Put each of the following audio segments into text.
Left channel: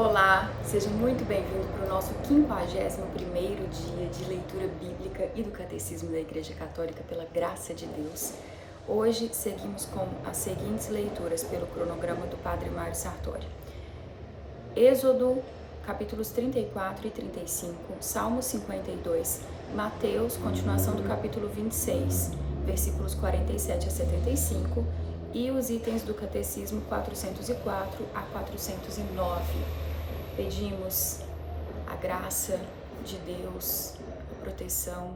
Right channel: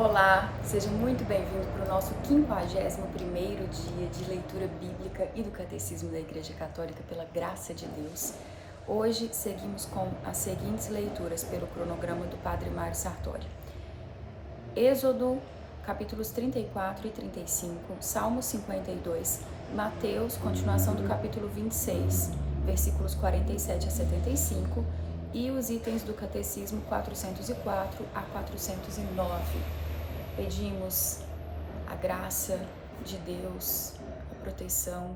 Olá, seja muito bem-vindo para o nosso 51º dia de leitura bíblica e do Catecismo da Igreja Católica pela graça de Deus. Hoje seguimos com as seguintes leituras pelo cronograma do Padre Mário Sartori. Êxodo, capítulos 34 e 35, Salmo 52, Mateus, continuação do capítulo 26, versículos 47 a 75, e os itens do Catecismo 404 a 409. Pedimos a graça de Deus, a proteção,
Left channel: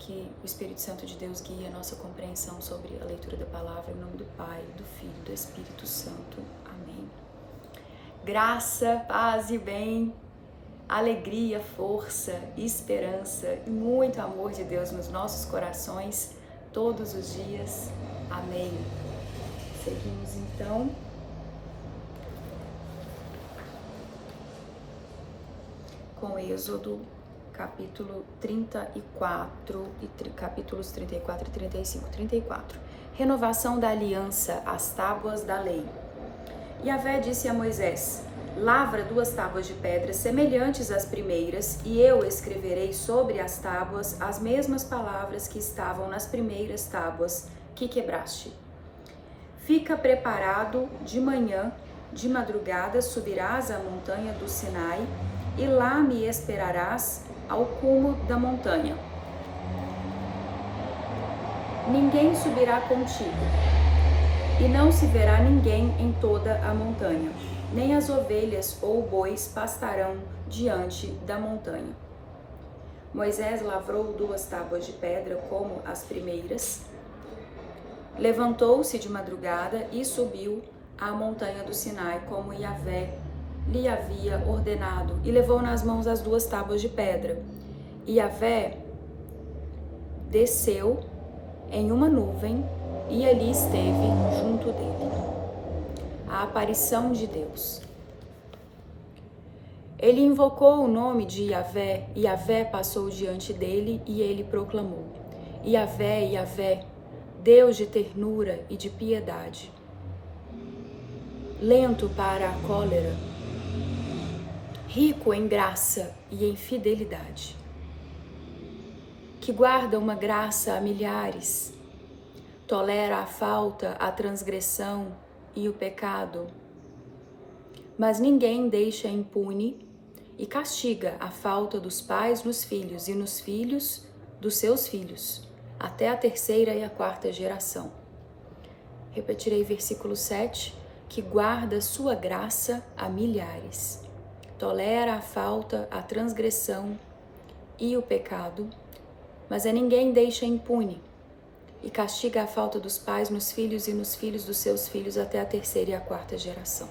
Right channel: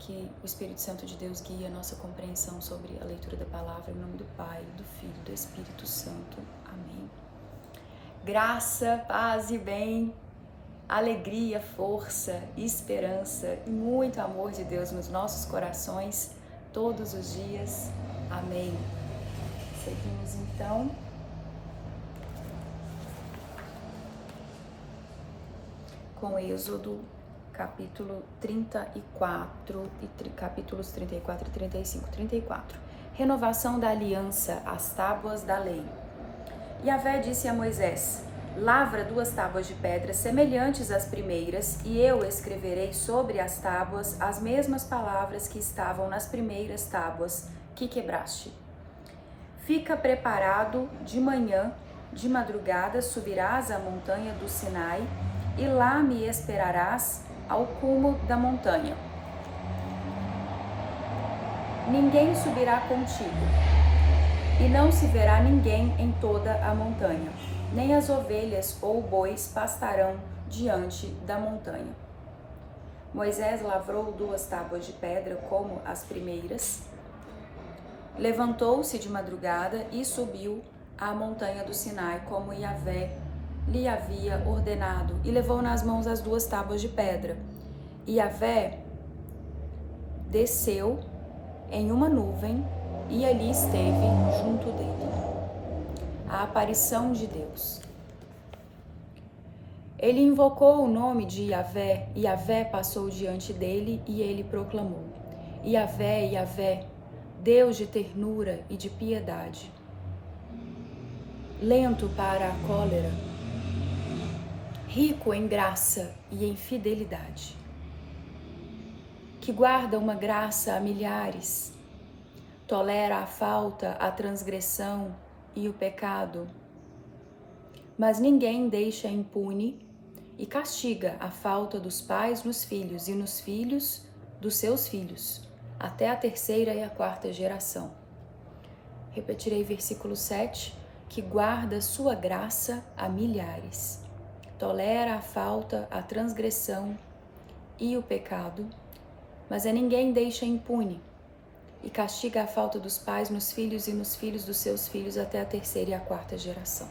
que o Espírito Santo de Deus guie a nossa compreensão sobre a leitura da palavra, em nome do Pai, do Filho e do Espírito Santo. Amém. Graça, paz e bem, alegria, força, esperança e muito amor de Deus nos nossos corações todos os dias. Amém. Seguimos então com Êxodo, capítulo 34 e capítulos 34 e 35. 34. Renovação da aliança, as tábuas da lei. Yahvé disse a Moisés: lavra 2 tábuas de pedra semelhantes às primeiras, e eu escreverei sobre as tábuas as mesmas palavras que estavam nas primeiras tábuas que quebraste. Fica preparado de manhã, de madrugada subirás à montanha do Sinai, e lá me esperarás ao cume da montanha. Ninguém subirá contigo, e não se verá ninguém em toda a montanha, nem as ovelhas ou bois pastarão diante da montanha. Moisés lavrou 2 tábuas de pedra como as primeiras, levantou-se de madrugada e subiu à montanha do Sinai, como Yahvé lhe havia ordenado, e levou nas mãos as 2 tábuas de pedra. E Yahvé desceu em uma nuvem e ali esteve junto dele. A aparição de Deus. Ele invocou o nome de Yahvé, e Yahvé passou diante dele, e ele proclamou: Yahvé, Yahvé, Deus de ternura e de piedade, lento para a cólera, rico em graça e em fidelidade, que guarda uma graça a milhares, tolera a falta, a transgressão e o pecado, mas ninguém deixa impune, e castiga a falta dos pais nos filhos e nos filhos dos seus filhos, até a 3ª e a 4ª geração. Repetirei versículo 7, que guarda sua graça a milhares, tolera a falta, a transgressão e o pecado, mas a ninguém deixa impune, e castiga a falta dos pais nos filhos e nos filhos dos seus filhos até a 3ª e a 4ª geração.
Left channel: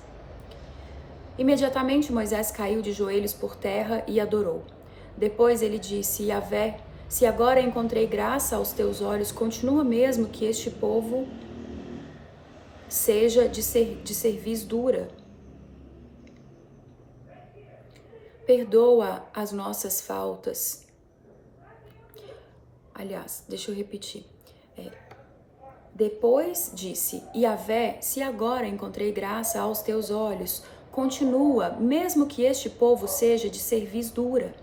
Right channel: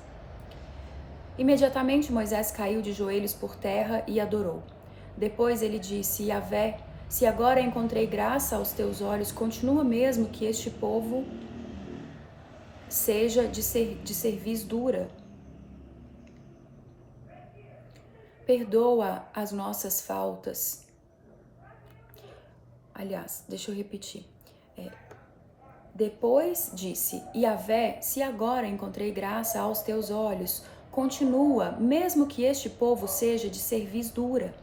Imediatamente Moisés caiu de joelhos por terra e adorou. Depois ele disse: Yahvé, se agora encontrei graça aos teus olhos, continua mesmo que este povo seja de cerviz dura. Perdoa as nossas faltas. Aliás, deixa eu repetir. Depois disse: Yahvé, se agora encontrei graça aos teus olhos, continua, mesmo que este povo seja de cerviz dura.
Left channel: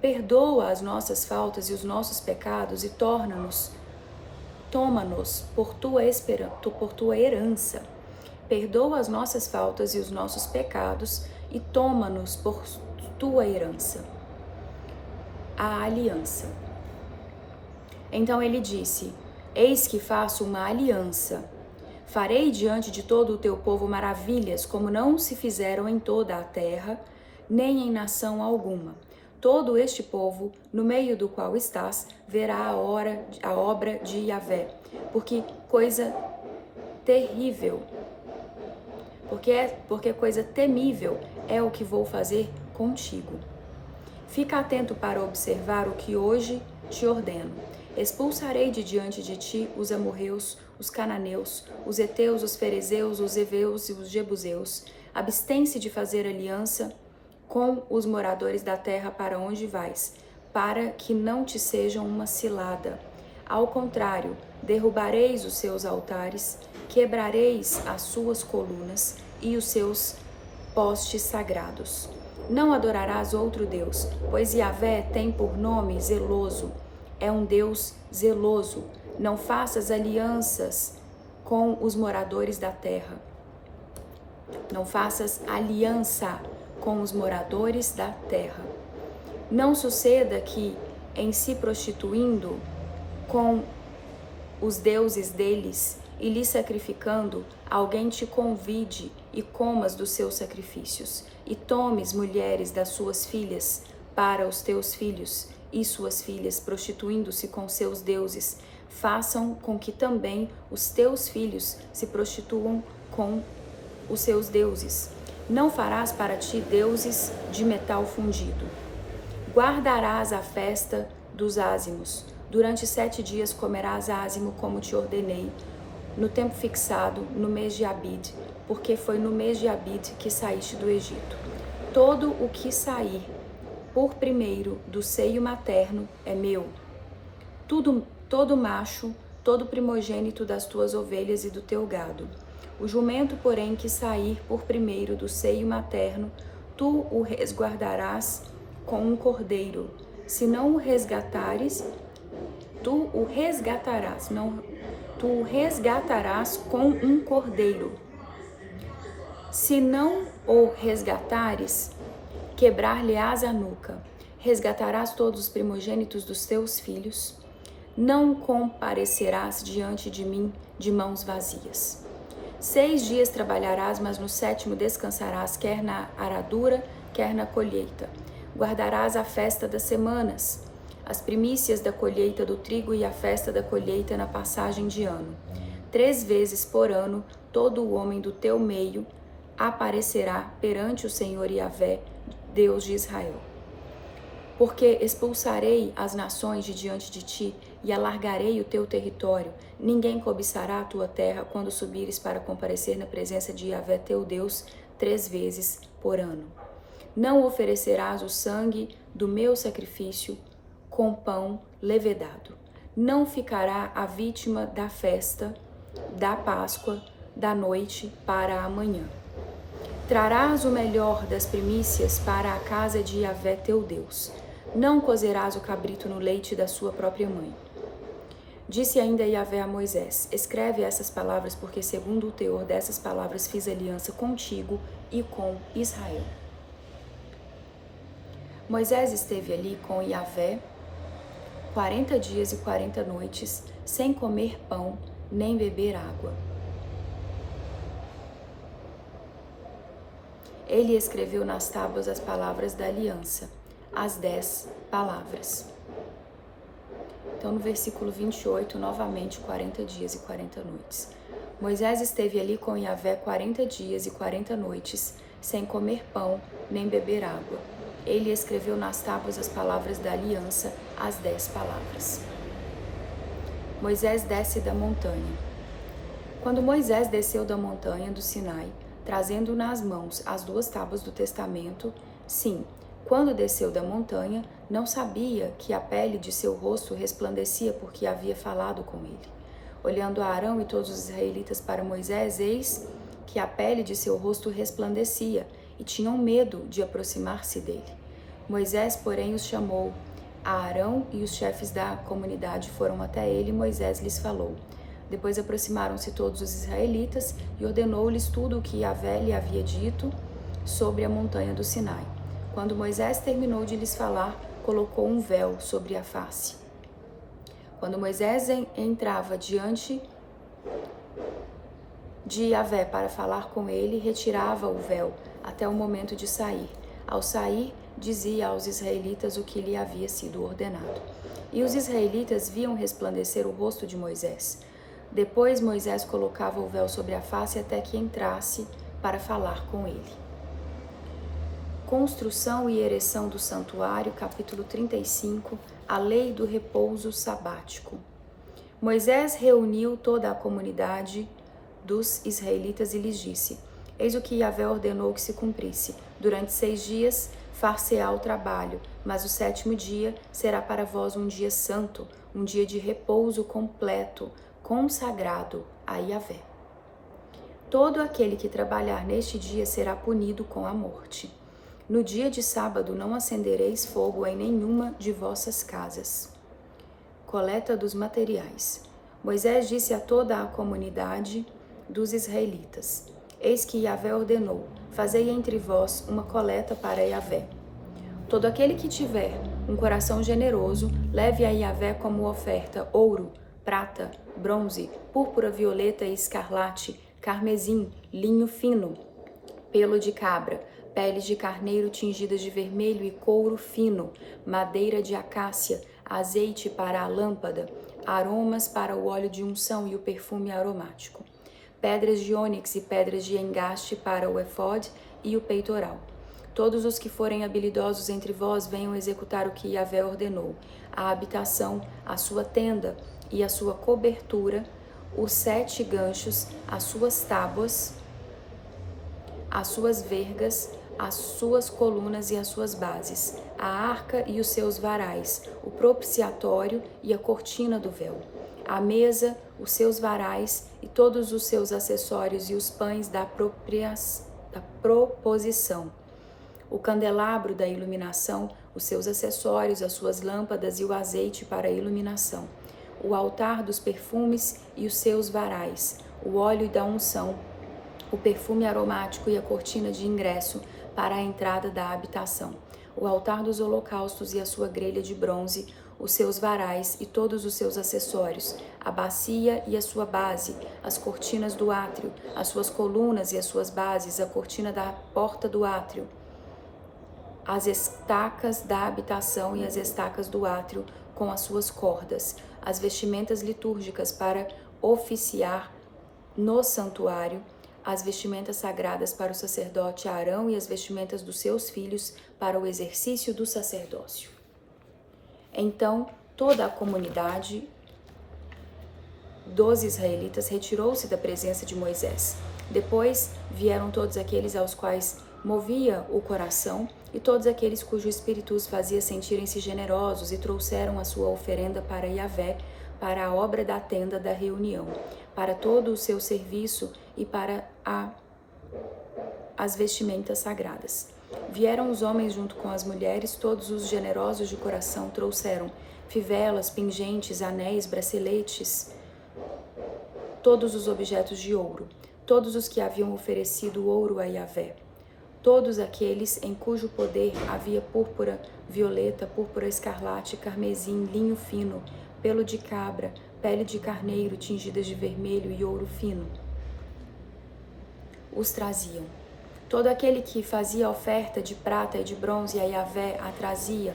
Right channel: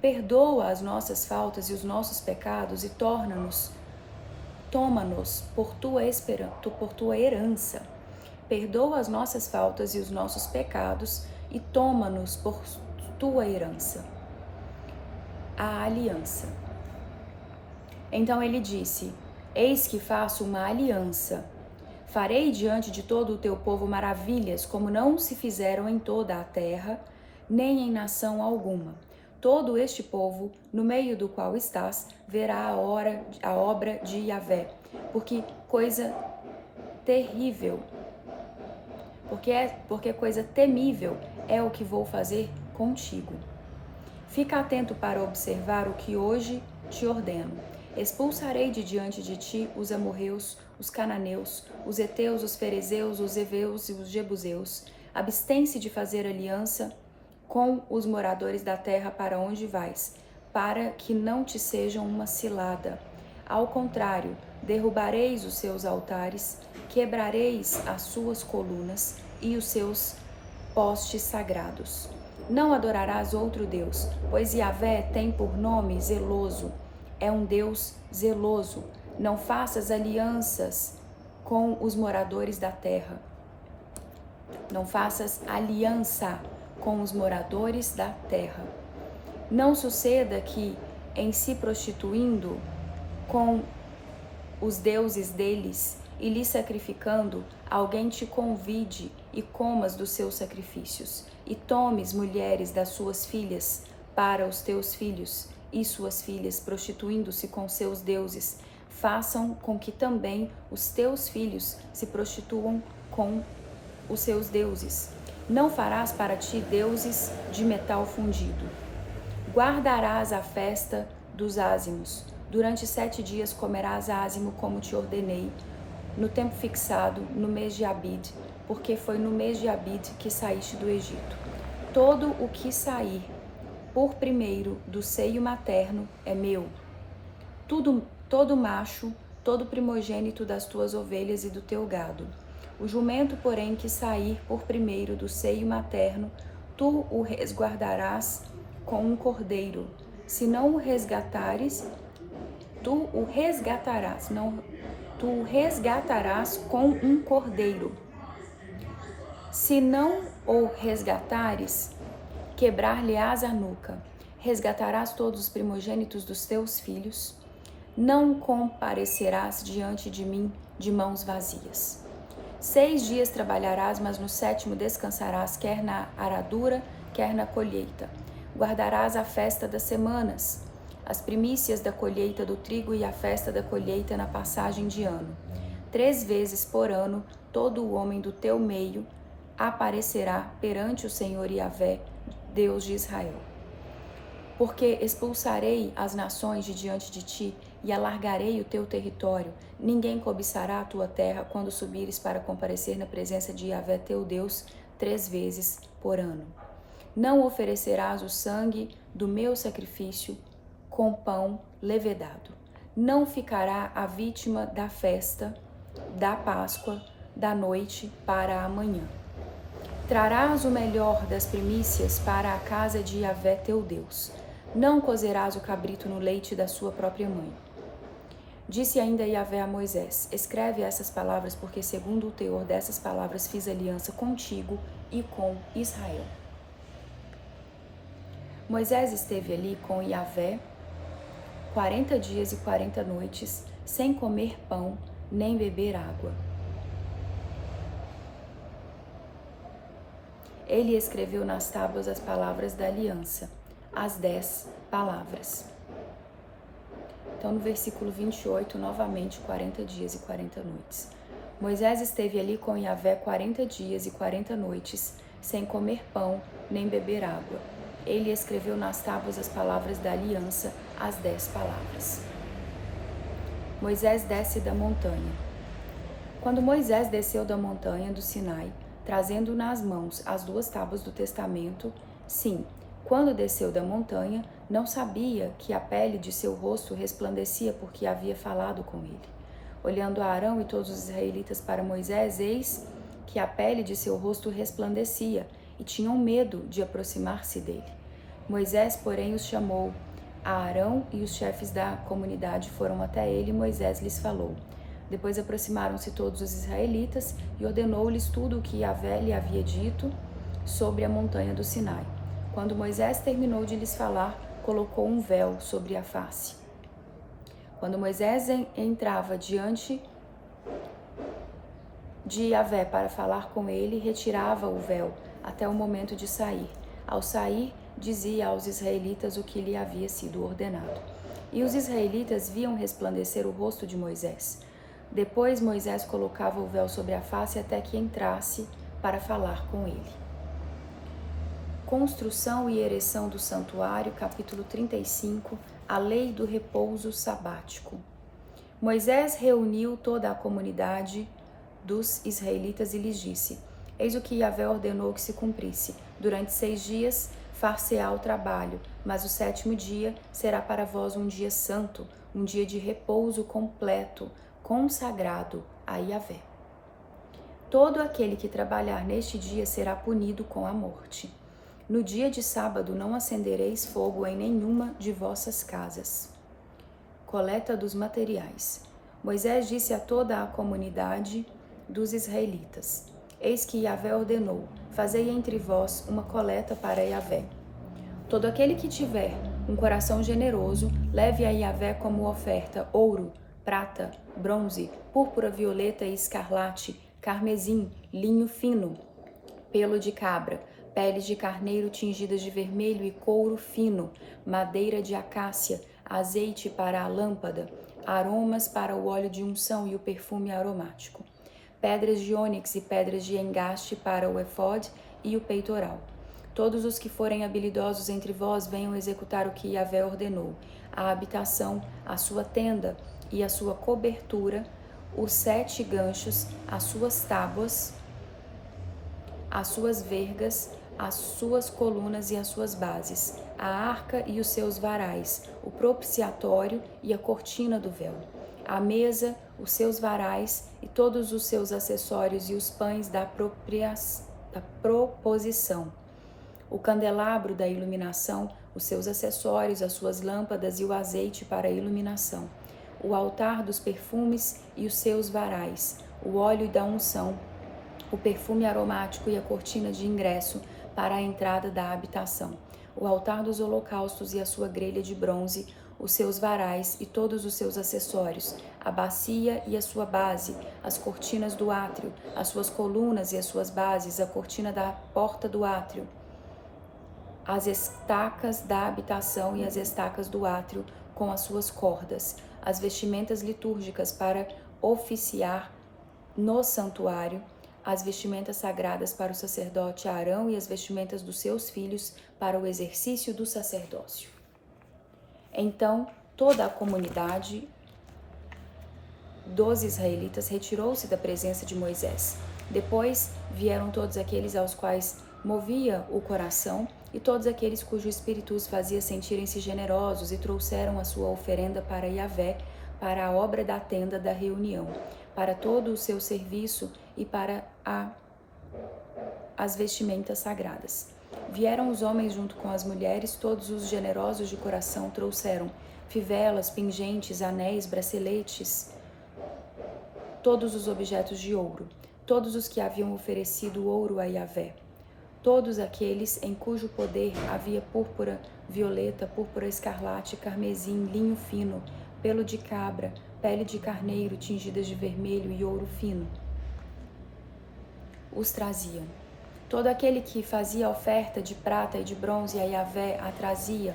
Perdoa as nossas faltas e os nossos pecados e toma-nos por tua herança. Perdoa as nossas faltas e os nossos pecados e toma-nos por tua herança. A aliança. Então ele disse: eis que faço uma aliança. Farei diante de todo o teu povo maravilhas, como não se fizeram em toda a terra, nem em nação alguma. Todo este povo, no meio do qual estás, verá a obra de Yahvé, porque coisa terrível, porque coisa temível é o que vou fazer contigo. Fica atento para observar o que hoje te ordeno. Expulsarei de diante de ti os amorreus, os cananeus, os heteus, os ferezeus, os heveus e os jebuseus. Abstém-se de fazer aliança com os moradores da terra para onde vais, para que não te sejam uma cilada. Ao contrário, derrubareis os seus altares, quebrareis as suas colunas e os seus postes sagrados. Não adorarás outro Deus, pois Yahvé tem por nome zeloso. É um Deus zeloso. Não faças alianças com os moradores da terra. Não faças aliança com os moradores da terra. Não suceda que, em se prostituindo com os deuses deles e lhe sacrificando, alguém te convide e comas dos seus sacrifícios, e tomes mulheres das suas filhas para os teus filhos, e suas filhas, prostituindo-se com seus deuses, façam com que também os teus filhos se prostituam com os seus deuses. Não farás para ti deuses de metal fundido. Guardarás a festa dos ázimos. Durante 7 dias comerás ázimo como te ordenei, no tempo fixado, no mês de Abid, porque foi no mês de Abid que saíste do Egito. Todo o que sair por primeiro do seio materno é meu. Todo macho, todo primogênito das tuas ovelhas e do teu gado. O jumento, porém, que sair por primeiro do seio materno, tu o resguardarás com um cordeiro. Se não o resgatares, tu o resgatarás com um cordeiro. Se não o resgatares, quebrar-lhe-ás a nuca. Resgatarás todos os primogênitos dos teus filhos. Não comparecerás diante de mim de mãos vazias. 6 dias trabalharás, mas no 7º descansarás, quer na aradura, quer na colheita. Guardarás a festa das semanas, as primícias da colheita do trigo e a festa da colheita na passagem de ano. 3 vezes por ano, todo o homem do teu meio aparecerá perante o Senhor Yahvé, Deus de Israel. Porque expulsarei as nações de diante de ti e alargarei o teu território. Ninguém cobiçará a tua terra quando subires para comparecer na presença de Yahvé teu Deus 3 vezes por ano. Não oferecerás o sangue do meu sacrifício com pão levedado. Não ficará a vítima da festa da Páscoa da noite para amanhã. Trarás o melhor das primícias para a casa de Yahvé teu Deus. Não cozerás o cabrito no leite da sua própria mãe. Disse ainda Yahvé a Moisés: escreve essas palavras, porque segundo o teor dessas palavras fiz aliança contigo e com Israel. Moisés esteve ali com Yahvé 40 dias e 40 noites, sem comer pão nem beber água. Ele escreveu nas tábuas as palavras da aliança, as 10 palavras. Então, no versículo 28, novamente, 40 dias e 40 noites. Moisés esteve ali com Yahvé 40 dias e 40 noites, sem comer pão nem beber água. Ele escreveu nas tábuas as palavras da aliança, as 10 palavras. Moisés desce da montanha. Quando Moisés desceu da montanha do Sinai, trazendo nas mãos as 2 tábuas do testamento, sim, quando desceu da montanha, não sabia que a pele de seu rosto resplandecia porque havia falado com ele. Olhando a Arão e todos os israelitas para Moisés, eis que a pele de seu rosto resplandecia e tinham medo de aproximar-se dele. Moisés, porém, os chamou. A Arão e os chefes da comunidade foram até ele e Moisés lhes falou. Depois aproximaram-se todos os israelitas e ordenou-lhes tudo o que Yahvé lhe havia dito sobre a montanha do Sinai. Quando Moisés terminou de lhes falar, colocou um véu sobre a face. Quando Moisés entrava diante de Yahvé para falar com ele, retirava o véu até o momento de sair. Ao sair, dizia aos israelitas o que lhe havia sido ordenado. E os israelitas viam resplandecer o rosto de Moisés. Depois Moisés colocava o véu sobre a face até que entrasse para falar com ele. Construção e ereção do santuário, capítulo 35, a lei do repouso sabático. Moisés reuniu toda a comunidade dos israelitas e lhes disse: eis o que Yahvé ordenou que se cumprisse. Durante 6 dias far-se-á o trabalho, mas o 7º dia será para vós um dia santo, um dia de repouso completo, consagrado a Yahvé. Todo aquele que trabalhar neste dia será punido com a morte. No dia de sábado não acendereis fogo em nenhuma de vossas casas. Coleta dos materiais. Moisés disse a toda a comunidade dos israelitas: Eis que Yahvé ordenou: fazei entre vós uma coleta para Yahvé. Todo aquele que tiver um coração generoso, leve a Yahvé como oferta ouro, prata, bronze, púrpura, violeta e escarlate, carmesim, linho fino, pelo de cabra, peles de carneiro tingidas de vermelho e couro fino, madeira de acácia, azeite para a lâmpada, aromas para o óleo de unção e o perfume aromático, pedras de ônix e pedras de engaste para o efode e o peitoral. Todos os que forem habilidosos entre vós venham executar o que Yahvé ordenou: a habitação, a sua tenda e a sua cobertura, os 7 ganchos, as suas tábuas, as suas vergas, as suas colunas e as suas bases, a arca e os seus varais, o propiciatório e a cortina do véu, a mesa, os seus varais e todos os seus acessórios e os pães da proposição, o candelabro da iluminação, os seus acessórios, as suas lâmpadas e o azeite para a iluminação, o altar dos perfumes e os seus varais, o óleo da unção, o perfume aromático e a cortina de ingresso para a entrada da habitação, o altar dos holocaustos e a sua grelha de bronze, os seus varais e todos os seus acessórios, a bacia e a sua base, as cortinas do átrio, as suas colunas e as suas bases, a cortina da porta do átrio, as estacas da habitação e as estacas do átrio com as suas cordas, as vestimentas litúrgicas para oficiar no santuário, as vestimentas sagradas para o sacerdote Arão e as vestimentas dos seus filhos para o exercício do sacerdócio. Então toda a comunidade dos israelitas retirou-se da presença de Moisés. Depois vieram todos aqueles aos quais movia o coração e todos aqueles cujo espírito os fazia sentirem-se generosos e trouxeram a sua oferenda para Yahvé, para a obra da tenda da reunião, para todo o seu serviço e para as vestimentas sagradas. Vieram os homens junto com as mulheres, todos os generosos de coração trouxeram fivelas, pingentes, anéis, braceletes, todos os objetos de ouro, todos os que haviam oferecido ouro a Yahvé, todos aqueles em cujo poder havia púrpura, violeta, púrpura escarlate, carmesim, linho fino, pelo de cabra, pele de carneiro tingidas de vermelho e ouro fino, os traziam. Todo aquele que fazia oferta de prata e de bronze a Yahvé a trazia,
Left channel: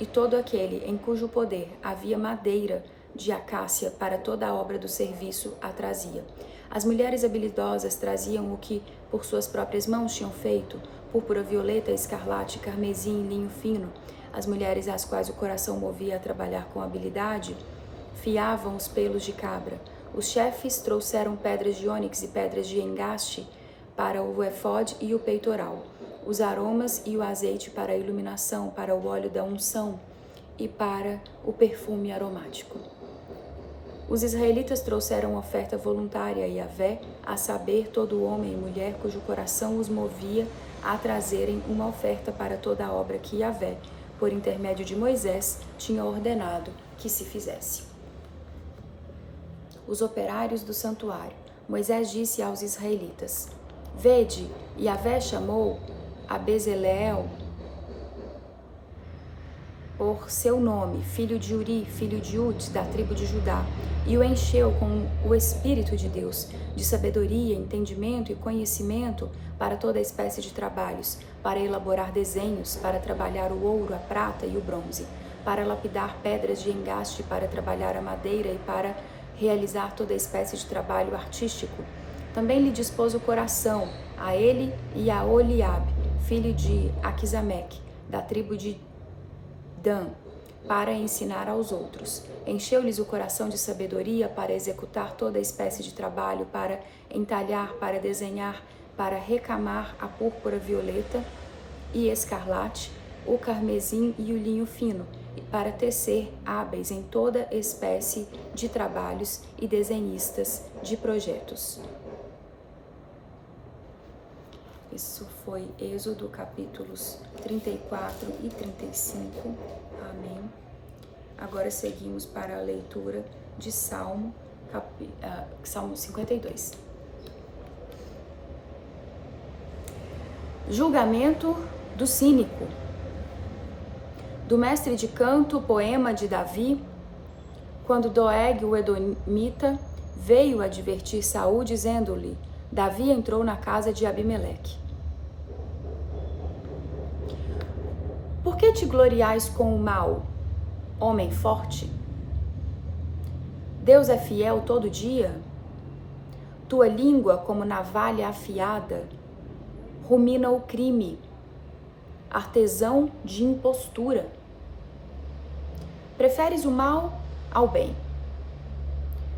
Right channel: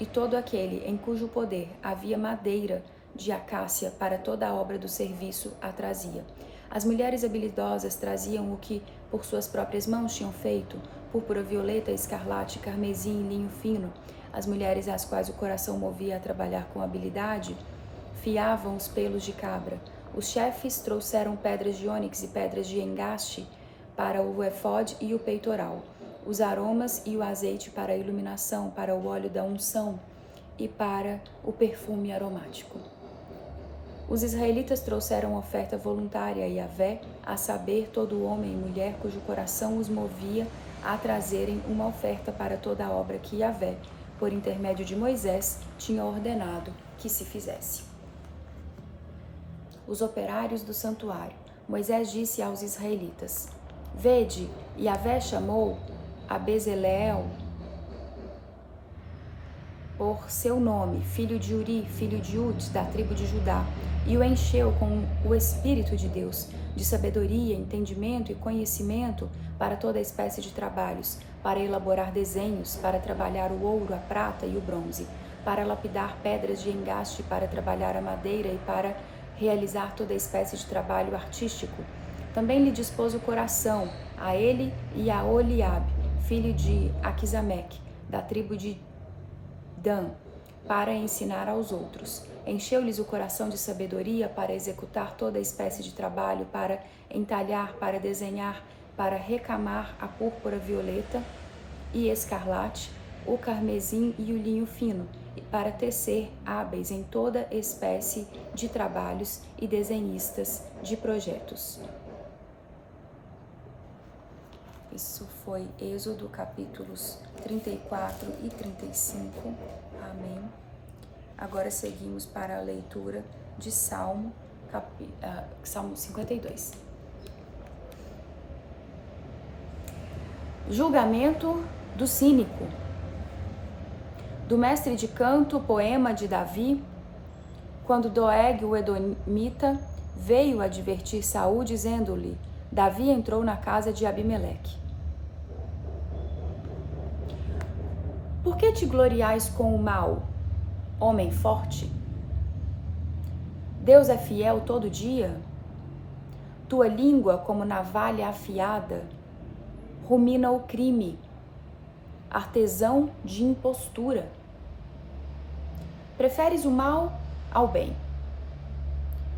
e todo aquele em cujo poder havia madeira de acácia para toda a obra do serviço a trazia. As mulheres habilidosas traziam o que por suas próprias mãos tinham feito, púrpura, violeta, escarlate, carmesim, linho fino. As mulheres às quais o coração movia a trabalhar com habilidade, fiavam os pelos de cabra. Os chefes trouxeram pedras de ônix e pedras de engaste para o efode e o peitoral, os aromas e o azeite para a iluminação, para o óleo da unção e para o perfume aromático. Os israelitas trouxeram oferta voluntária a Yahvé, a saber, todo homem e mulher cujo coração os movia a trazerem uma oferta para toda a obra que Yahvé, por intermédio de Moisés, tinha ordenado que se fizesse. Os operários do santuário. Moisés disse aos israelitas: Vede, Yahvé chamou a Bezaleel por seu nome, filho de Uri, filho de Ut, da tribo de Judá, e o encheu com o Espírito de Deus, de sabedoria, entendimento e conhecimento para toda espécie de trabalhos, para elaborar desenhos, para trabalhar o ouro, a prata e o bronze, para lapidar pedras de engaste, para trabalhar a madeira e para realizar toda espécie de trabalho artístico. Também lhe dispôs o coração, a ele e a Oliabe, filho de Aquisameque, da tribo de Dan, para ensinar aos outros. Encheu-lhes o coração de sabedoria para executar toda espécie de trabalho, para entalhar, para desenhar, para recamar a púrpura violeta e escarlate, o carmesim e o linho fino, e para tecer hábeis em toda espécie de trabalhos e desenhistas de projetos. Isso foi Êxodo capítulos 34 e 35. Amém. Agora seguimos para a leitura de Salmo 52. Julgamento do cínico. Do mestre de canto, poema de Davi, quando Doeg, o edomita, veio advertir Saul, dizendo-lhe: Davi entrou na casa de Abimeleque. Por que te gloriais com o mal, homem forte? Deus é fiel todo dia? Tua língua, como navalha afiada, rumina o crime, artesão de impostura. Preferes o mal ao bem,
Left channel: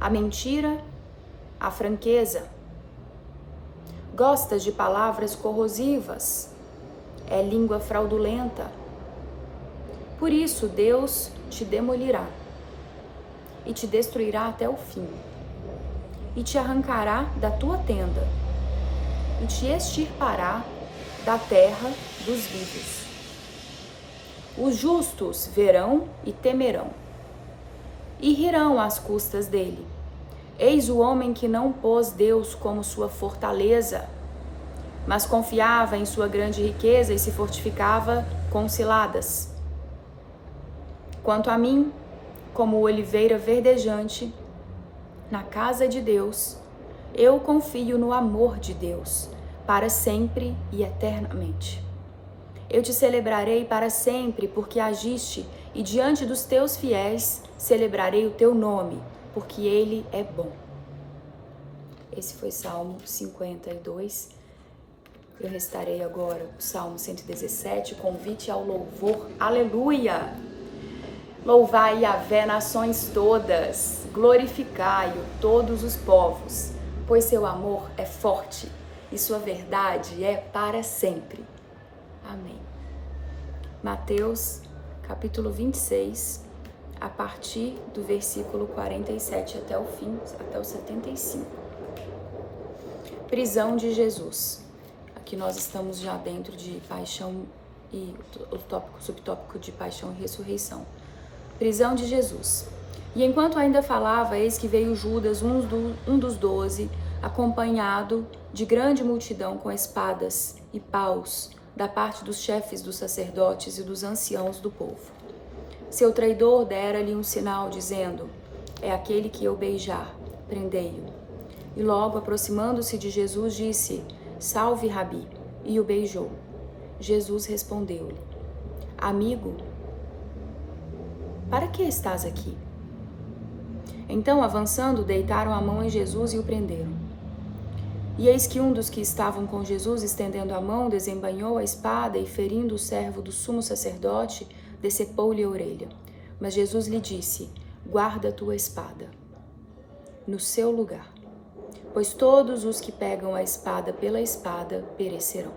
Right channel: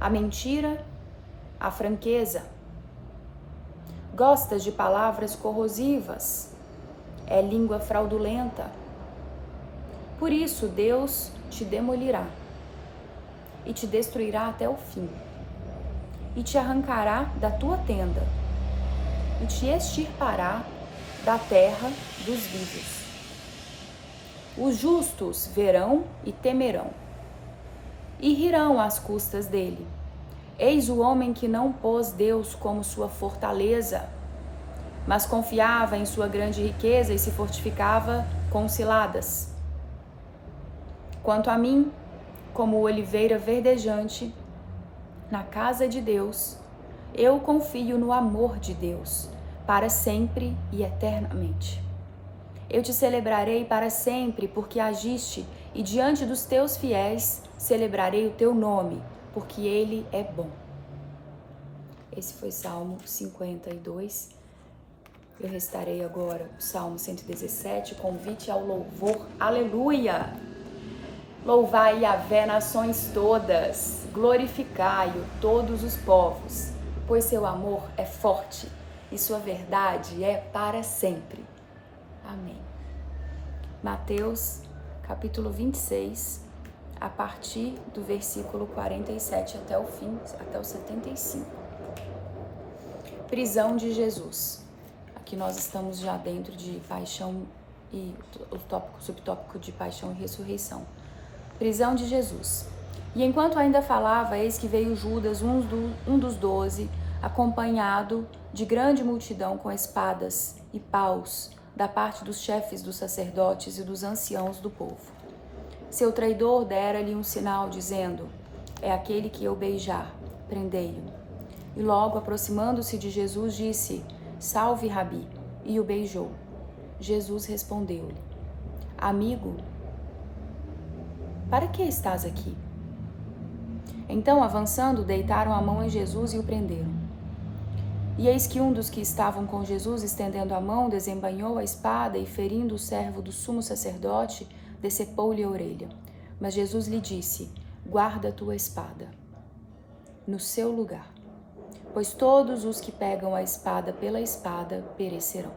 a mentira à franqueza. Gostas de palavras corrosivas, é língua fraudulenta. Por isso Deus te demolirá e te destruirá até o fim, e te arrancará da tua tenda, e te extirpará da terra dos vivos. Os justos verão e temerão, e rirão às custas dele. Eis o homem que não pôs Deus como sua fortaleza, mas confiava em sua grande riqueza e se fortificava com ciladas. Quanto a mim, como oliveira verdejante, na casa de Deus, eu confio no amor de Deus, para sempre e eternamente. Eu te celebrarei para sempre, porque agiste, e diante dos teus fiéis celebrarei o teu nome, porque ele é bom. Esse foi Salmo 52. Eu restarei agora o Salmo 117, convite ao louvor. Aleluia! Louvai Yahvé, nações todas, glorificai-o todos os povos, pois seu amor é forte e sua verdade é para sempre. Amém. Mateus, capítulo 26, a partir do versículo 47 até o fim, até o 75. Prisão de Jesus. Aqui nós estamos já dentro de paixão e o subtópico de paixão e ressurreição. Prisão de Jesus. E enquanto ainda falava, eis que veio Judas, um dos 12, acompanhado de grande multidão com espadas e paus, da parte dos chefes dos sacerdotes e dos anciãos do povo. Seu traidor dera-lhe um sinal, dizendo: é aquele que eu beijar, prendei-o. E logo, aproximando-se de Jesus, disse: salve, Rabi, e o beijou. Jesus respondeu-lhe: amigo, para que estás aqui? Então, avançando, deitaram a mão em Jesus e o prenderam. E eis que um dos que estavam com Jesus, estendendo a mão, desembainhou a espada e, ferindo o servo do sumo sacerdote, decepou-lhe a orelha. Mas Jesus lhe disse: guarda a tua espada no seu lugar, pois todos os que pegam a espada pela espada perecerão.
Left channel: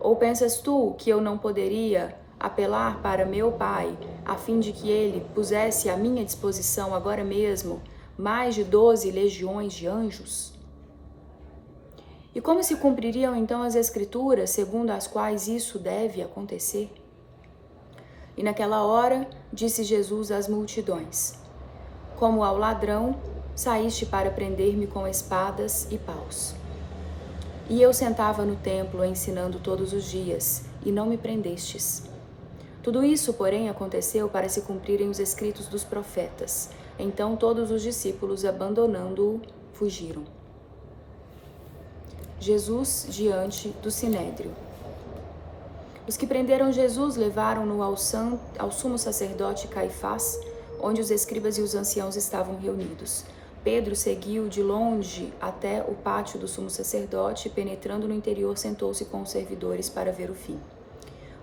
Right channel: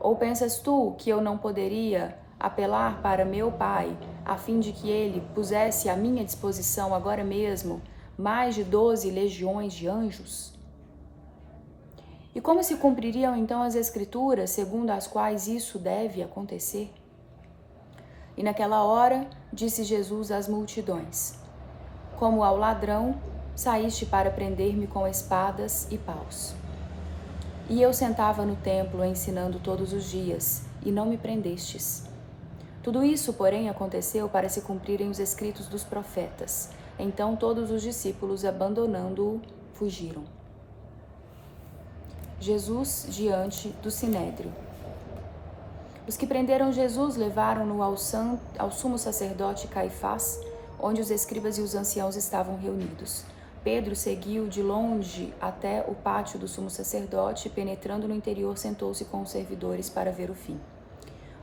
Ou pensas tu que eu não poderia apelar para meu Pai, a fim de que ele pusesse à minha disposição agora mesmo mais de 12 legiões de anjos? E como se cumpririam então as Escrituras, segundo as quais isso deve acontecer? E naquela hora disse Jesus às multidões: como ao ladrão, saíste para prender-me com espadas e paus. E eu sentava no templo ensinando todos os dias, e não me prendestes. Tudo isso, porém, aconteceu para se cumprirem os escritos dos profetas. Então todos os discípulos, abandonando-o, fugiram. Jesus diante do Sinédrio. Os que prenderam Jesus levaram-no ao sumo sacerdote Caifás, onde os escribas e os anciãos estavam reunidos. Pedro seguiu de longe até o pátio do sumo sacerdote e, penetrando no interior, sentou-se com os servidores para ver o fim.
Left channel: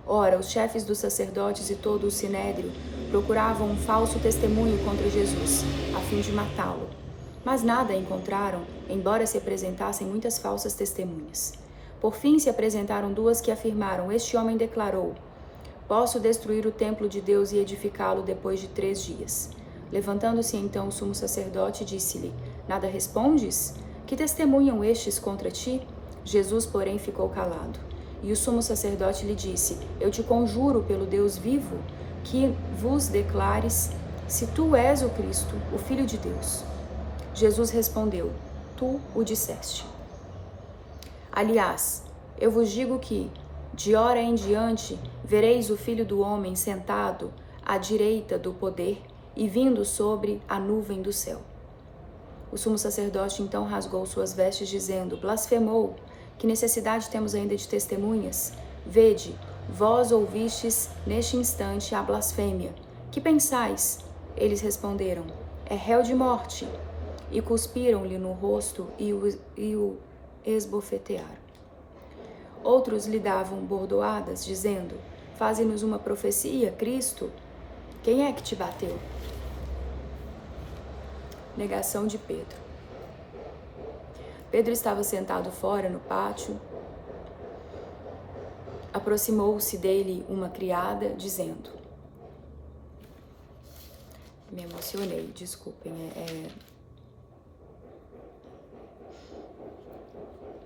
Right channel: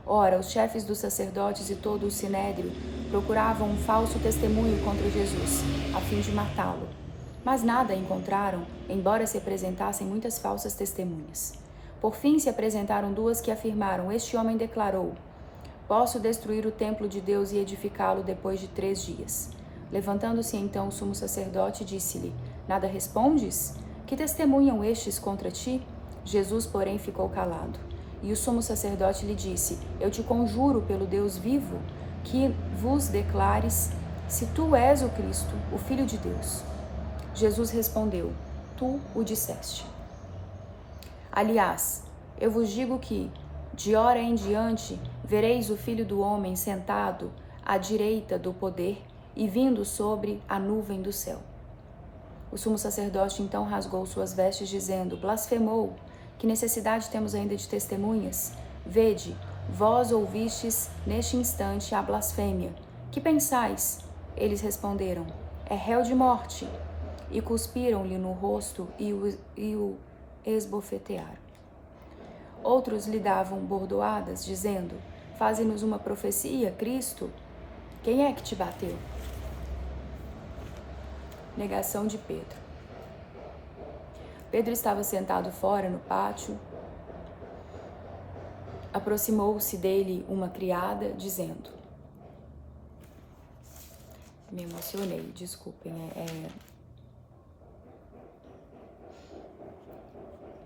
Ora, os chefes dos sacerdotes e todo o sinédrio procuravam um falso testemunho contra Jesus, a fim de matá-lo. Mas nada encontraram, embora se apresentassem muitas falsas testemunhas. Por fim se apresentaram duas que afirmaram: este homem declarou: posso destruir o templo de Deus e edificá-lo depois de 3 dias. Levantando-se então o sumo sacerdote, disse-lhe: nada respondes? Que testemunham estes contra ti? Jesus, porém, ficou calado. E o sumo sacerdote lhe disse: Eu te conjuro pelo Deus vivo, que vos declares se tu és o Cristo, o Filho de Deus. Jesus respondeu: Tu o disseste. Aliás, eu vos digo que, de hora em diante, vereis o Filho do Homem sentado à direita do poder e vindo sobre a nuvem do céu. O sumo sacerdote então rasgou suas vestes, dizendo: Blasfemou! Que necessidade temos ainda de testemunhas? Vede, vós ouvistes neste instante a blasfêmia. Que pensais? Eles responderam: É réu de morte. E cuspiram-lhe no rosto e o esbofetearam. Outros lhe davam bordoadas, dizendo: Faze-nos uma profecia, Cristo. Quem é que te bateu? Negação de Pedro. Pedro estava sentado fora no pátio. Aproximou-se dele uma criada, dizendo... Me emocionei, desculpem.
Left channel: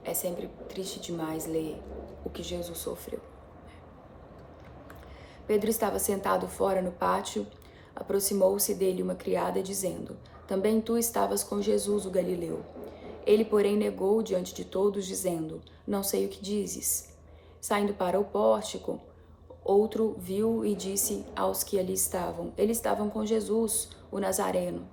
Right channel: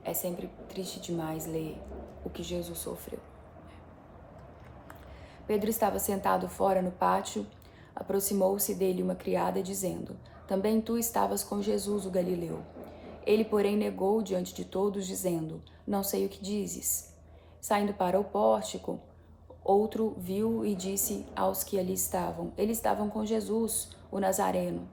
É sempre triste demais ler o que Jesus sofreu. Pedro estava sentado fora no pátio. Aproximou-se dele uma criada, dizendo: Também tu estavas com Jesus, o Galileu. Ele, porém, negou diante de todos, dizendo: Não sei o que dizes. Saindo para o pórtico, outro viu e disse aos que ali estavam: Eles estavam com Jesus, o Nazareno.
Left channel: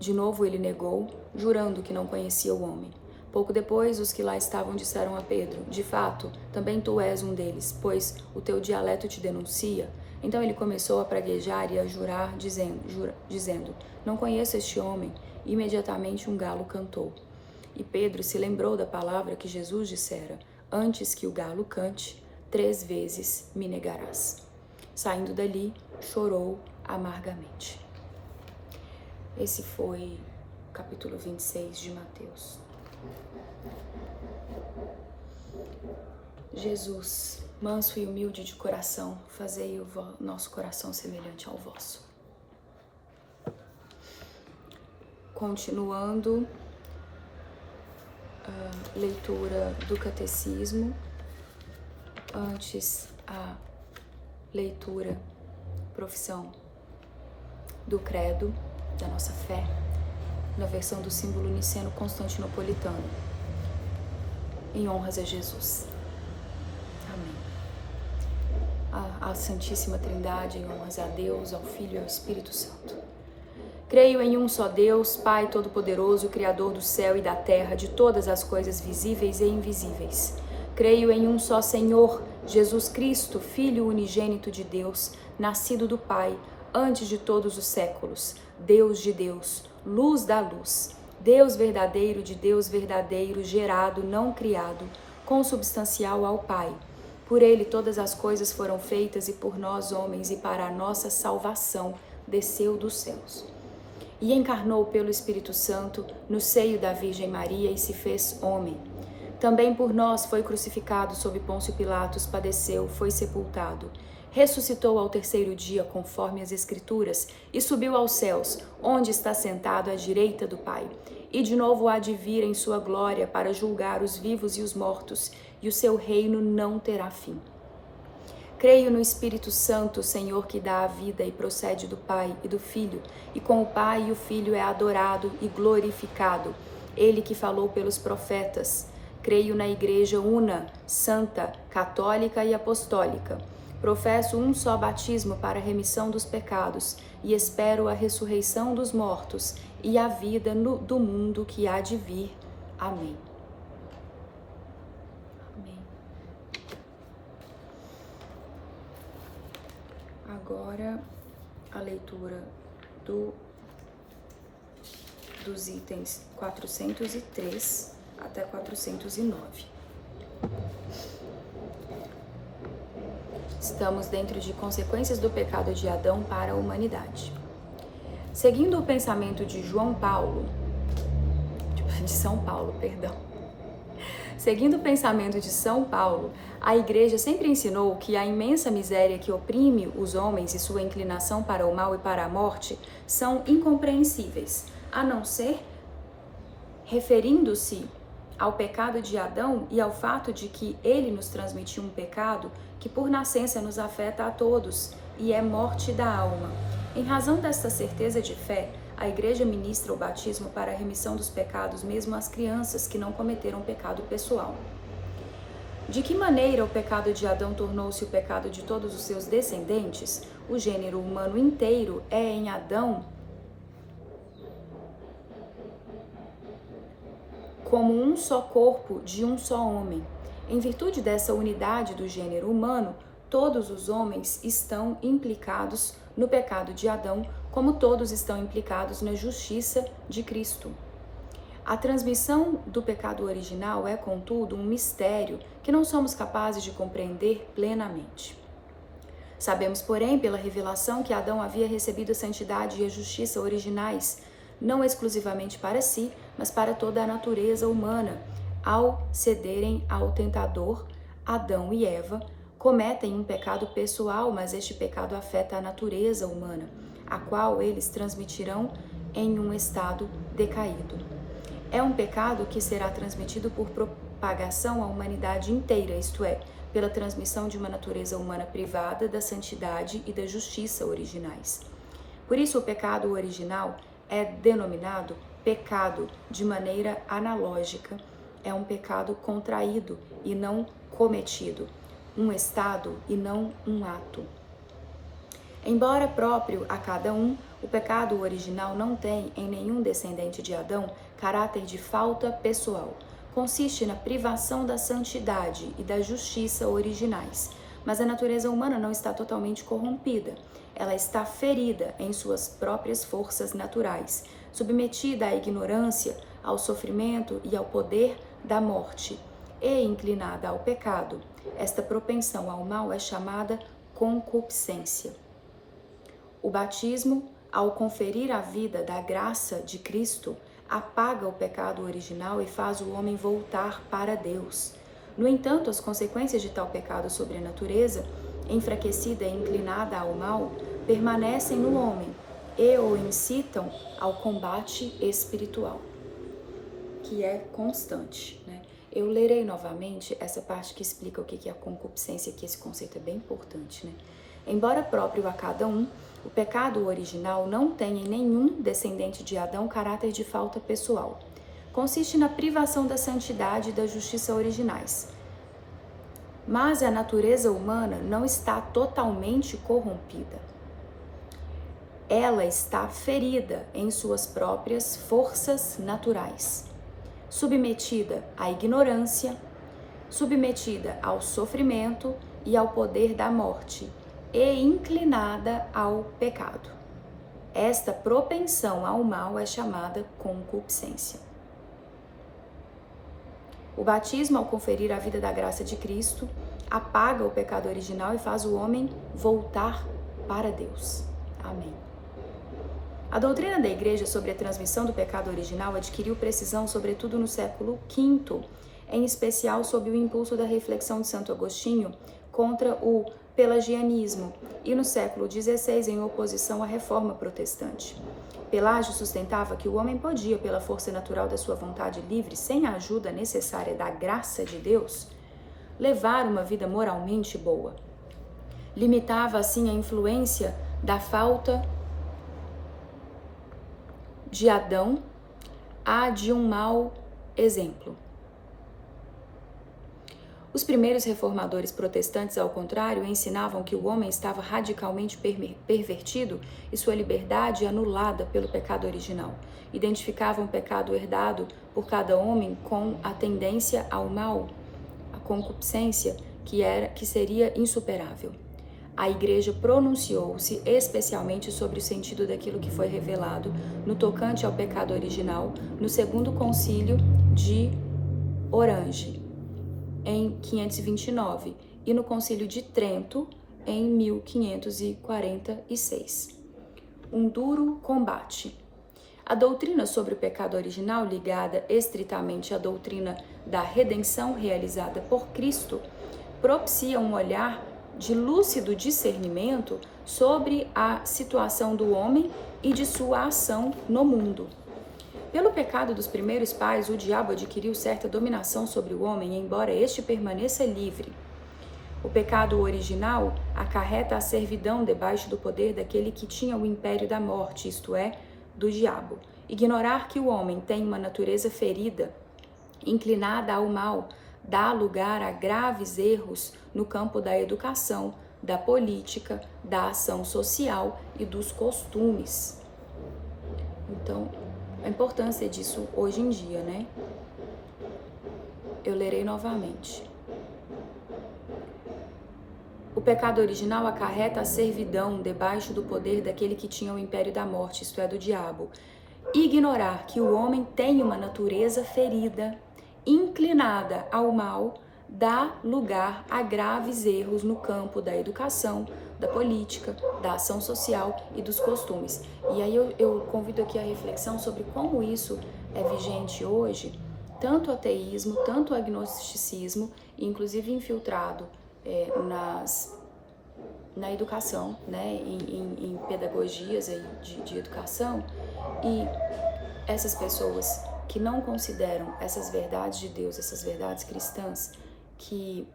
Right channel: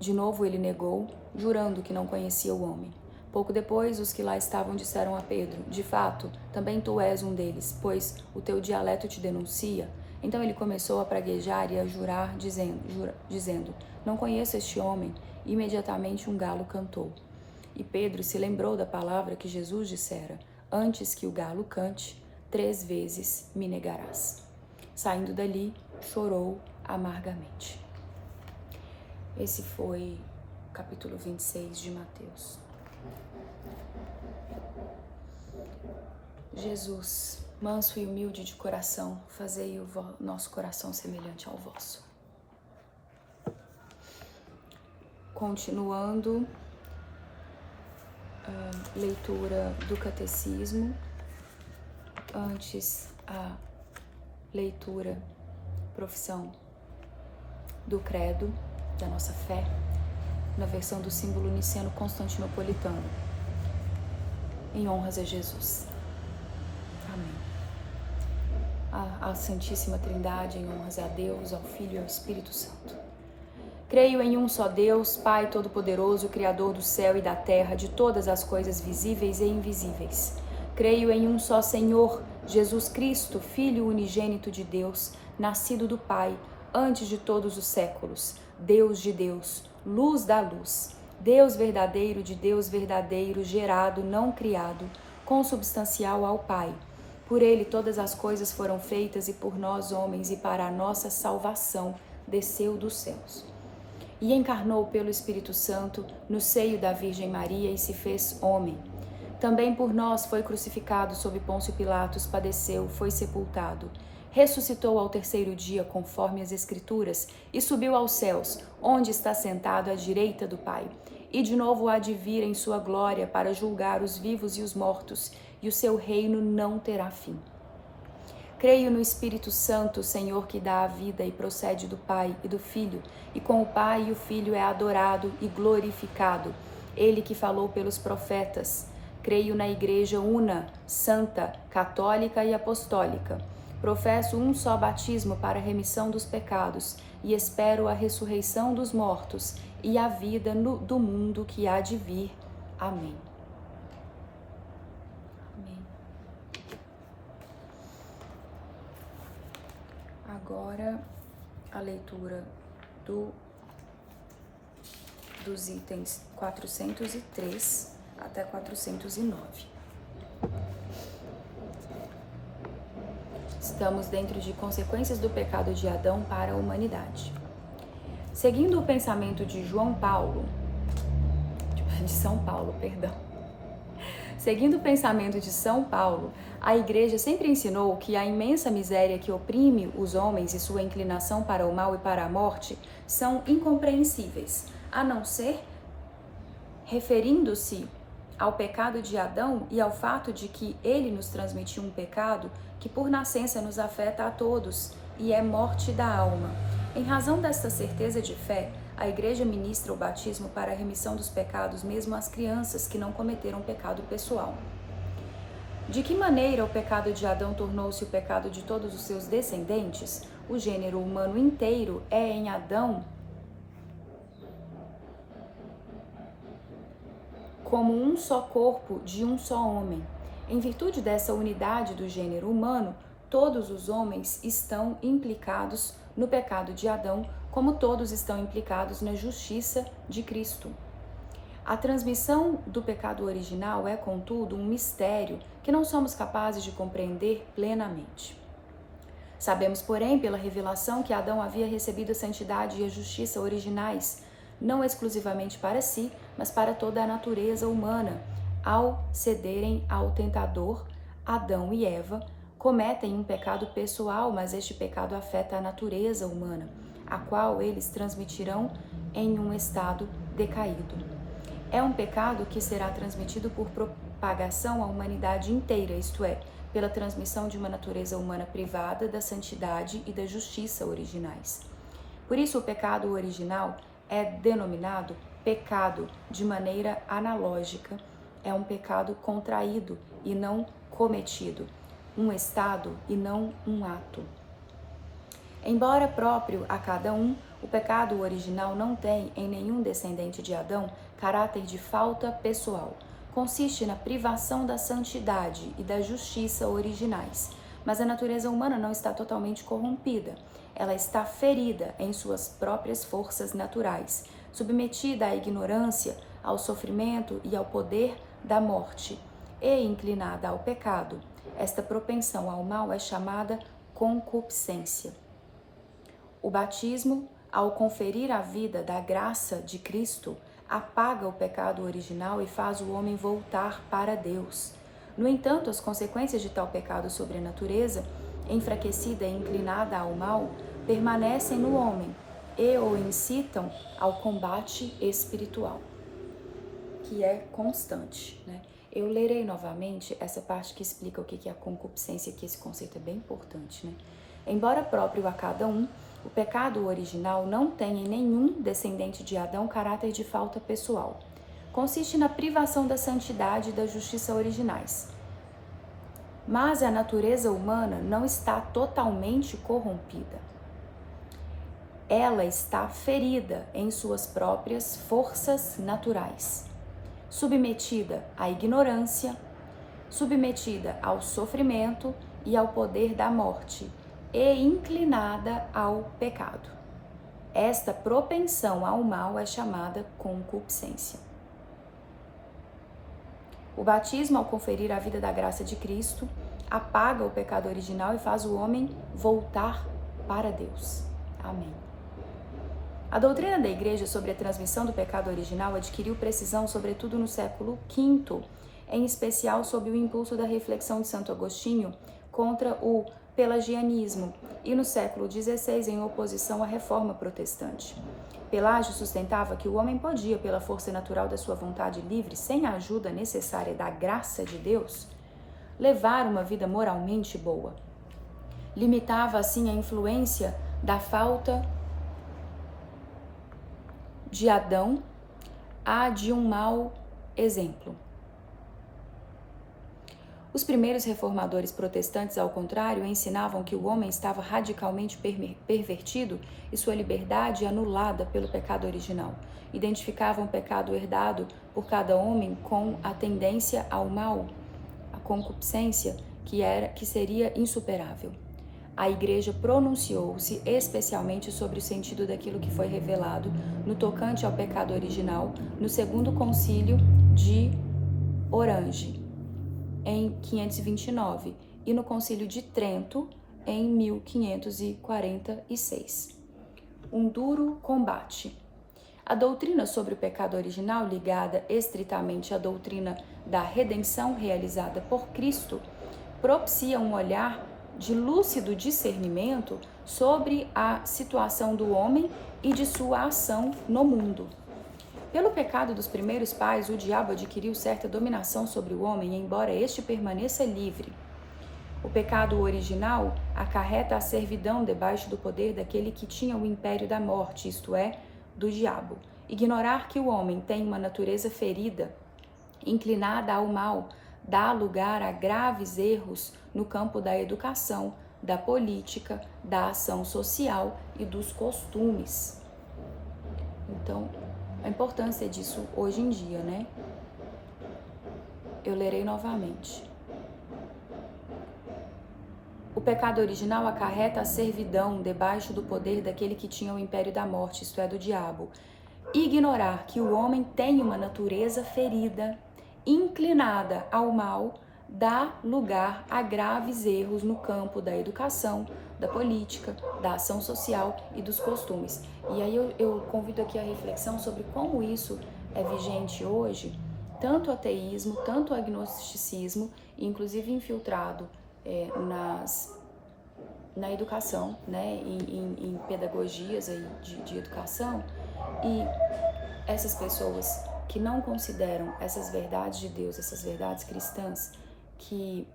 De novo ele negou, jurando que não conhecia o homem. Pouco depois, os que lá estavam disseram a Pedro: De fato, também tu és um deles, pois o teu dialeto te denuncia. Então ele começou a praguejar e a jurar, dizendo: Não conheço este homem. Imediatamente um galo cantou. E Pedro se lembrou da palavra que Jesus dissera: Antes que o galo cante, 3 vezes me negarás. Saindo dali, chorou amargamente. Esse foi o capítulo 26 de Mateus. Jesus, manso e humilde de coração, fazei o nosso coração semelhante ao vosso. Continuando a leitura do catecismo, antes a leitura, profissão do credo, da nossa fé, na versão do símbolo niceno-constantinopolitano, em honras a Jesus. Amém. A Santíssima Trindade, em honras a Deus, ao Filho e ao Espírito Santo. Creio em um só Deus, Pai Todo-Poderoso, Criador do céu e da terra, de todas as coisas visíveis e invisíveis. Creio em um só Senhor, Jesus Cristo, Filho unigênito de Deus, nascido do Pai, antes de todos os séculos, Deus de Deus, luz da luz, Deus verdadeiro de Deus verdadeiro, gerado, não criado, consubstancial ao Pai. Por ele todas as coisas foram feitas e por nós homens e para a nossa salvação desceu dos céus. E encarnou pelo Espírito Santo no seio da Virgem Maria e se fez homem. Também por nós foi crucificado sob Pôncio Pilatos, padeceu, foi sepultado. Ressuscitou ao 3º dia, conforme as Escrituras, e subiu aos céus, onde está sentado à direita do Pai. E de novo há de vir em sua glória para julgar os vivos e os mortos, e o seu reino não terá fim. Creio no Espírito Santo, Senhor, que dá a vida e procede do Pai e do Filho, e com o Pai e o Filho é adorado e glorificado, ele que falou pelos profetas. Creio na Igreja una, santa, católica e apostólica. Professo um só batismo para a remissão dos pecados e espero a ressurreição dos mortos e a vida do mundo que há de vir. Amém. Agora, a leitura dos itens 403 até 409. Estamos dentro de consequências do pecado de Adão para a humanidade. Seguindo o pensamento de São Paulo, Seguindo o pensamento de São Paulo, a Igreja sempre ensinou que a imensa miséria que oprime os homens e sua inclinação para o mal e para a morte são incompreensíveis, a não ser referindo-se ao pecado de Adão e ao fato de que ele nos transmitiu um pecado que por nascença nos afeta a todos e é morte da alma. Em razão desta certeza de fé, a Igreja ministra o batismo para a remissão dos pecados mesmo às crianças que não cometeram pecado pessoal. De que maneira o pecado de Adão tornou-se o pecado de todos os seus descendentes? O gênero humano inteiro é em Adão como um só corpo de um só homem. Em virtude dessa unidade do gênero humano, todos os homens estão implicados no pecado de Adão, como todos estão implicados na justiça de Cristo. A transmissão do pecado original é, contudo, um mistério que não somos capazes de compreender plenamente. Sabemos, porém, pela revelação que Adão havia recebido a santidade e a justiça originais, não exclusivamente para si, mas para toda a natureza humana. Ao cederem ao tentador, Adão e Eva cometem um pecado pessoal, mas este pecado afeta a natureza humana, a qual eles transmitirão em um estado decaído. É um pecado que será transmitido por propagação à humanidade inteira, isto é, pela transmissão de uma natureza humana privada da santidade e da justiça originais. Por isso, o pecado original é denominado pecado de maneira analógica. É um pecado contraído e não cometido, um estado e não um ato. Embora próprio a cada um, o pecado original não tem em nenhum descendente de Adão caráter de falta pessoal. Consiste na privação da santidade e da justiça originais. Mas a natureza humana não está totalmente corrompida. Ela está ferida em suas próprias forças naturais, submetida à ignorância, ao sofrimento e ao poder da morte, e inclinada ao pecado. Esta propensão ao mal é chamada concupiscência. O batismo, ao conferir a vida da graça de Cristo, apaga o pecado original e faz o homem voltar para Deus. No entanto, as consequências de tal pecado sobre a natureza, enfraquecida e inclinada ao mal, permanecem no homem e o incitam ao combate espiritual, que é constante, né? Eu lerei novamente essa parte que explica o que é a concupiscência, que esse conceito é bem importante, né? Embora próprio a cada um, o pecado original não tem em nenhum descendente de Adão caráter de falta pessoal. Consiste na privação da santidade e da justiça originais. Mas a natureza humana não está totalmente corrompida. Ela está ferida em suas próprias forças naturais, submetida à ignorância, submetida ao sofrimento e ao poder da morte, e inclinada ao pecado. Esta propensão ao mal é chamada concupiscência. O batismo, ao conferir a vida da graça de Cristo, apaga o pecado original e faz o homem voltar para Deus. Amém. A doutrina da Igreja sobre a transmissão do pecado original adquiriu precisão, sobretudo no século V, em especial sob o impulso da reflexão de Santo Agostinho contra o pelagianismo e no século XVI em oposição à reforma protestante. Pelágio sustentava que o homem podia, pela força natural da sua vontade livre, sem a ajuda necessária da graça de Deus, levar uma vida moralmente boa. Limitava assim a influência da falta de Adão à de um mau exemplo. Os primeiros reformadores protestantes, ao contrário, ensinavam que o homem estava radicalmente pervertido e sua liberdade anulada pelo pecado original. Identificavam o pecado herdado por cada homem com a tendência ao mal, a concupiscência, que seria insuperável. A Igreja pronunciou-se especialmente sobre o sentido daquilo que foi revelado no tocante ao pecado original no Segundo Concílio de Orange, em 529, e no Concílio de Trento, em 1546. Um duro combate. A doutrina sobre o pecado original, ligada estritamente à doutrina da redenção realizada por Cristo, propicia um olhar de lúcido discernimento sobre a situação do homem e de sua ação no mundo. Pelo pecado dos primeiros pais, o diabo adquiriu certa dominação sobre o homem, embora este permaneça livre. O pecado original acarreta a servidão debaixo do poder daquele que tinha o império da morte, isto é, do diabo. Ignorar que o homem tem uma natureza ferida, inclinada ao mal, dá lugar a graves erros no campo da educação, da política, da ação social e dos costumes. Então, a importância disso hoje em dia, né? Eu lerei novamente. O pecado original acarreta a servidão debaixo do poder daquele que tinha o império da morte, isto é, do diabo. Ignorar que o homem tem uma natureza ferida, inclinada ao mal, dá lugar a graves erros no campo da educação, da política, da ação social e dos costumes. E aí eu convido aqui a reflexão sobre como isso é vigente hoje, tanto o ateísmo, tanto o agnosticismo, inclusive infiltrado na educação, né, em pedagogias aí de educação, e essas pessoas que não consideram essas verdades de Deus, essas verdades cristãs, que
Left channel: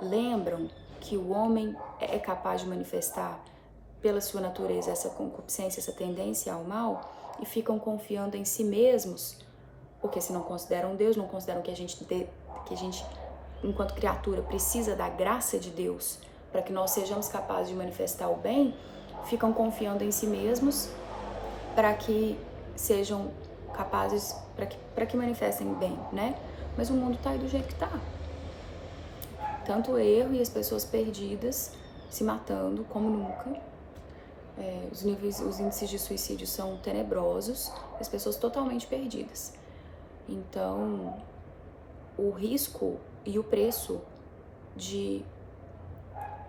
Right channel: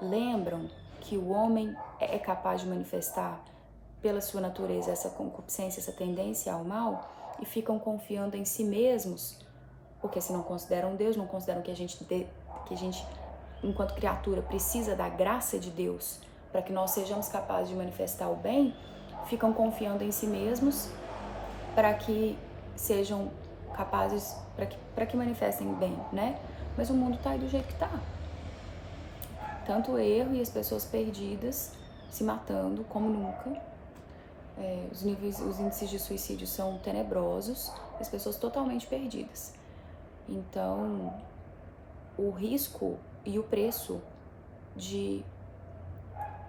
lembram que o homem é capaz de manifestar pela sua natureza essa concupiscência, essa tendência ao mal, e ficam confiando em si mesmos, porque se não consideram Deus, não consideram que a gente enquanto criatura, precisa da graça de Deus para que nós sejamos capazes de manifestar o bem, ficam confiando em si mesmos para que sejam capazes, para que manifestem bem, né? Mas o mundo tá aí do jeito que tá. Tanto o erro e as pessoas perdidas se matando como nunca. Os índices de suicídio são tenebrosos, as pessoas totalmente perdidas. Então, o risco e o preço de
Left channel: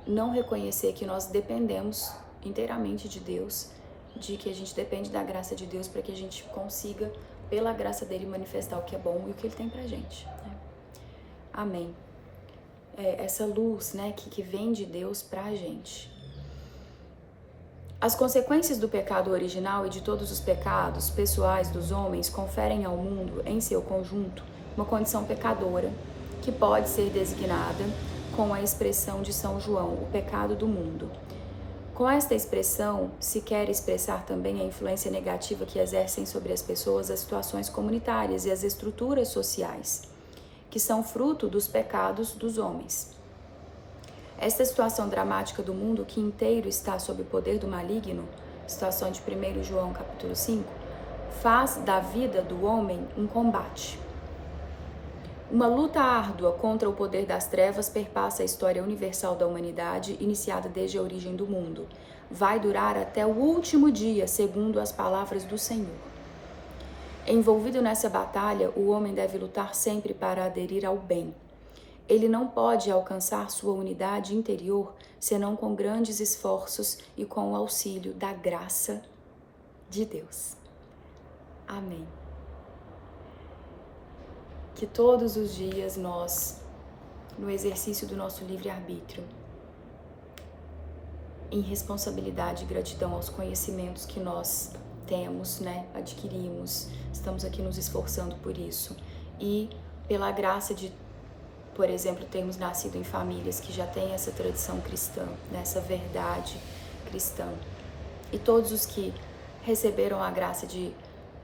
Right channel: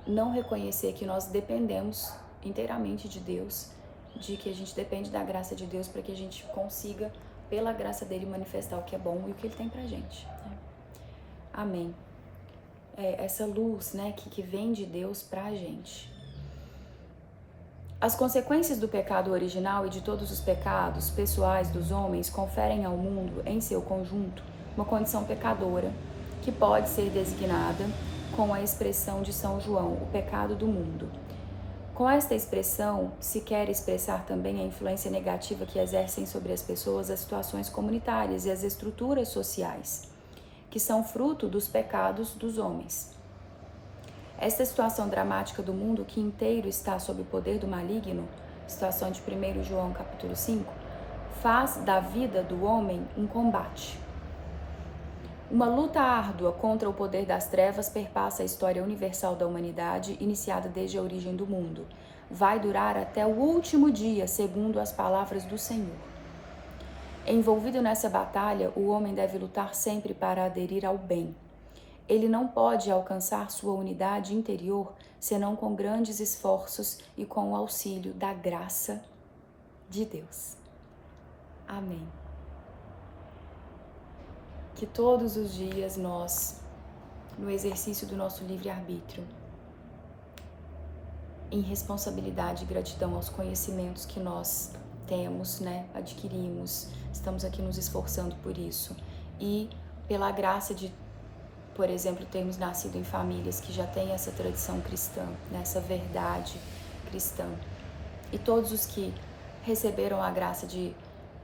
não reconhecer que nós dependemos inteiramente de Deus, de que a gente depende da graça de Deus para que a gente consiga, pela graça dele, manifestar o que é bom e o que ele tem pra gente, né? Amém. Essa luz, né, que vem de Deus pra gente. As consequências do pecado original e de todos os pecados pessoais dos homens conferem ao mundo, em seu conjunto, uma condição pecadora, que pode ser designada com a expressão de São João, o pecado do mundo. Com esta expressão, se quer expressar também a influência negativa que exercem sobre as pessoas as situações comunitárias e as estruturas sociais, que são fruto dos pecados dos homens. Esta situação dramática do mundo que inteiro está sob o poder do maligno, situação de 1 João capítulo 5, faz da vida do homem um combate. Uma luta árdua contra o poder das trevas perpassa a história universal da humanidade, iniciada desde a origem do mundo. Vai durar até o último dia, segundo as palavras do Senhor. Envolvido nessa batalha, o homem deve lutar sempre para aderir ao bem. Ele não pode alcançar sua unidade interior senão com grandes esforços e com o auxílio da graça de Deus. Amém. Que todos os dias nós, no exercício do nosso livre-arbítrio, em responsabilidade e gratidão aos conhecimentos que nós temos, né, adquirimos, estamos aqui nos esforçando por isso, e pela graça de, por exemplo, termos nascido em famílias que já têm essa tradição cristã, né, essa verdade cristã, e todos os que receberam a graça de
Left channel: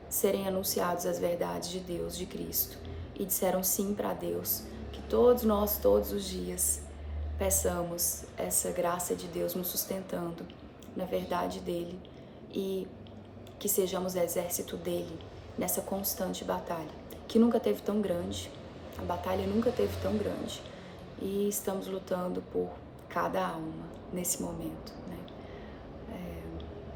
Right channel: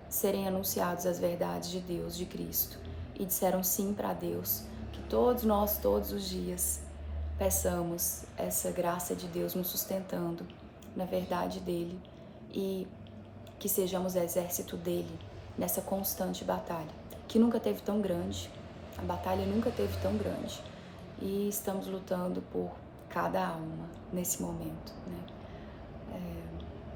serem anunciados as verdades de Deus, de Cristo, e disseram sim para Deus, que todos nós, todos os dias, peçamos essa graça de Deus nos sustentando na verdade dele e que sejamos exército dele nessa constante batalha, que nunca teve tão grande, a batalha nunca teve tão grande, e estamos lutando por cada alma nesse momento, né?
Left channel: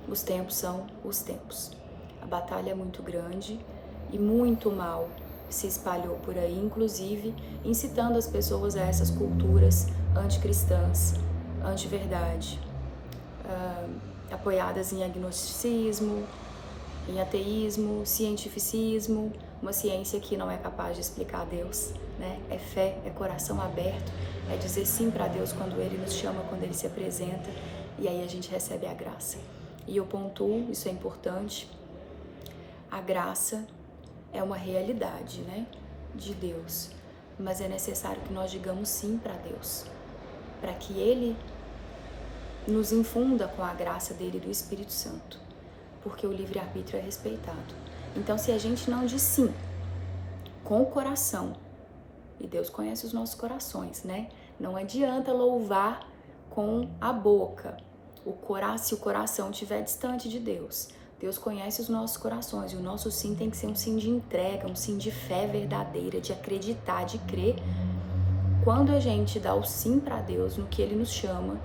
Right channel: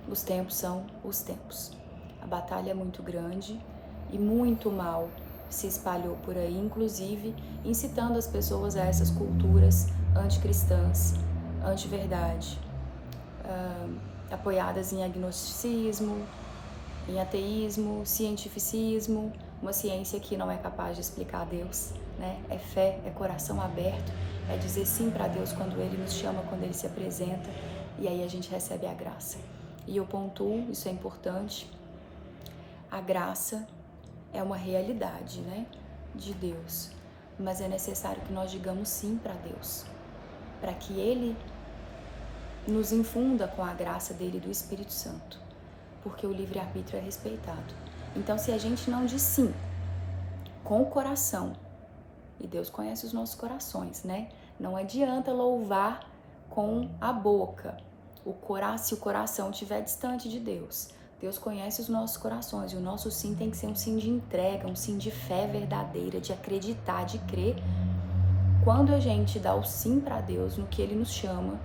Os tempos são os tempos. A batalha é muito grande e muito mal se espalhou por aí, inclusive incitando as pessoas a essas culturas anticristãs, anti-verdade, apoiadas em agnosticismo, em ateísmo, cientificismo, uma ciência que não é capaz de explicar Deus, né? É fé, é coração aberto, é dizer sim para Deus quando Ele nos chama, quando Ele se apresenta, e aí a gente recebe a graça. E eu pontuo, isso é importante, A graça é uma realidade, né, de Deus, mas é necessário que nós digamos sim para Deus, para que Ele nos infunda com a graça dele e do Espírito Santo, porque o livre-arbítrio é respeitado. Então, se a gente não diz sim com o coração, e Deus conhece os nossos corações, né? Não adianta louvar com a boca. Se o coração estiver distante de Deus, Deus conhece os nossos corações, e o nosso sim tem que ser um sim de entrega, um sim de fé verdadeira, de acreditar, de crer. Quando a gente dá o sim para Deus no que Ele nos chama,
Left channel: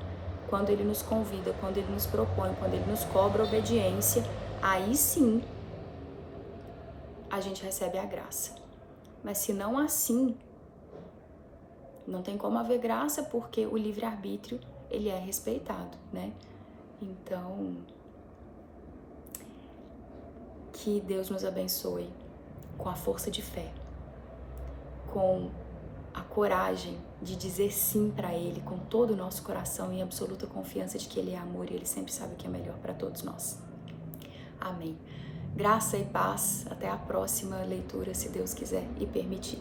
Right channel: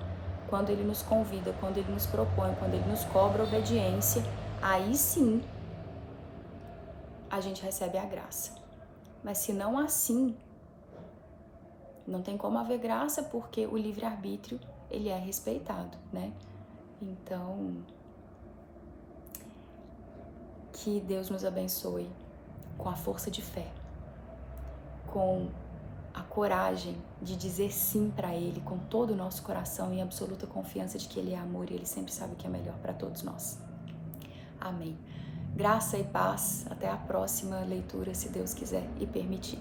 quando Ele nos convida, quando Ele nos propõe, quando Ele nos cobra obediência, aí sim a gente recebe a graça. Mas se não assim, não tem como haver graça, porque o livre-arbítrio, ele é respeitado, né? Então, que Deus nos abençoe com a força de fé, com a coragem de dizer sim para Ele com todo o nosso coração, em absoluta confiança de que Ele é amor e Ele sempre sabe o que é melhor para todos nós. Amém. Graça e paz. Até a próxima leitura, se Deus quiser e permitir.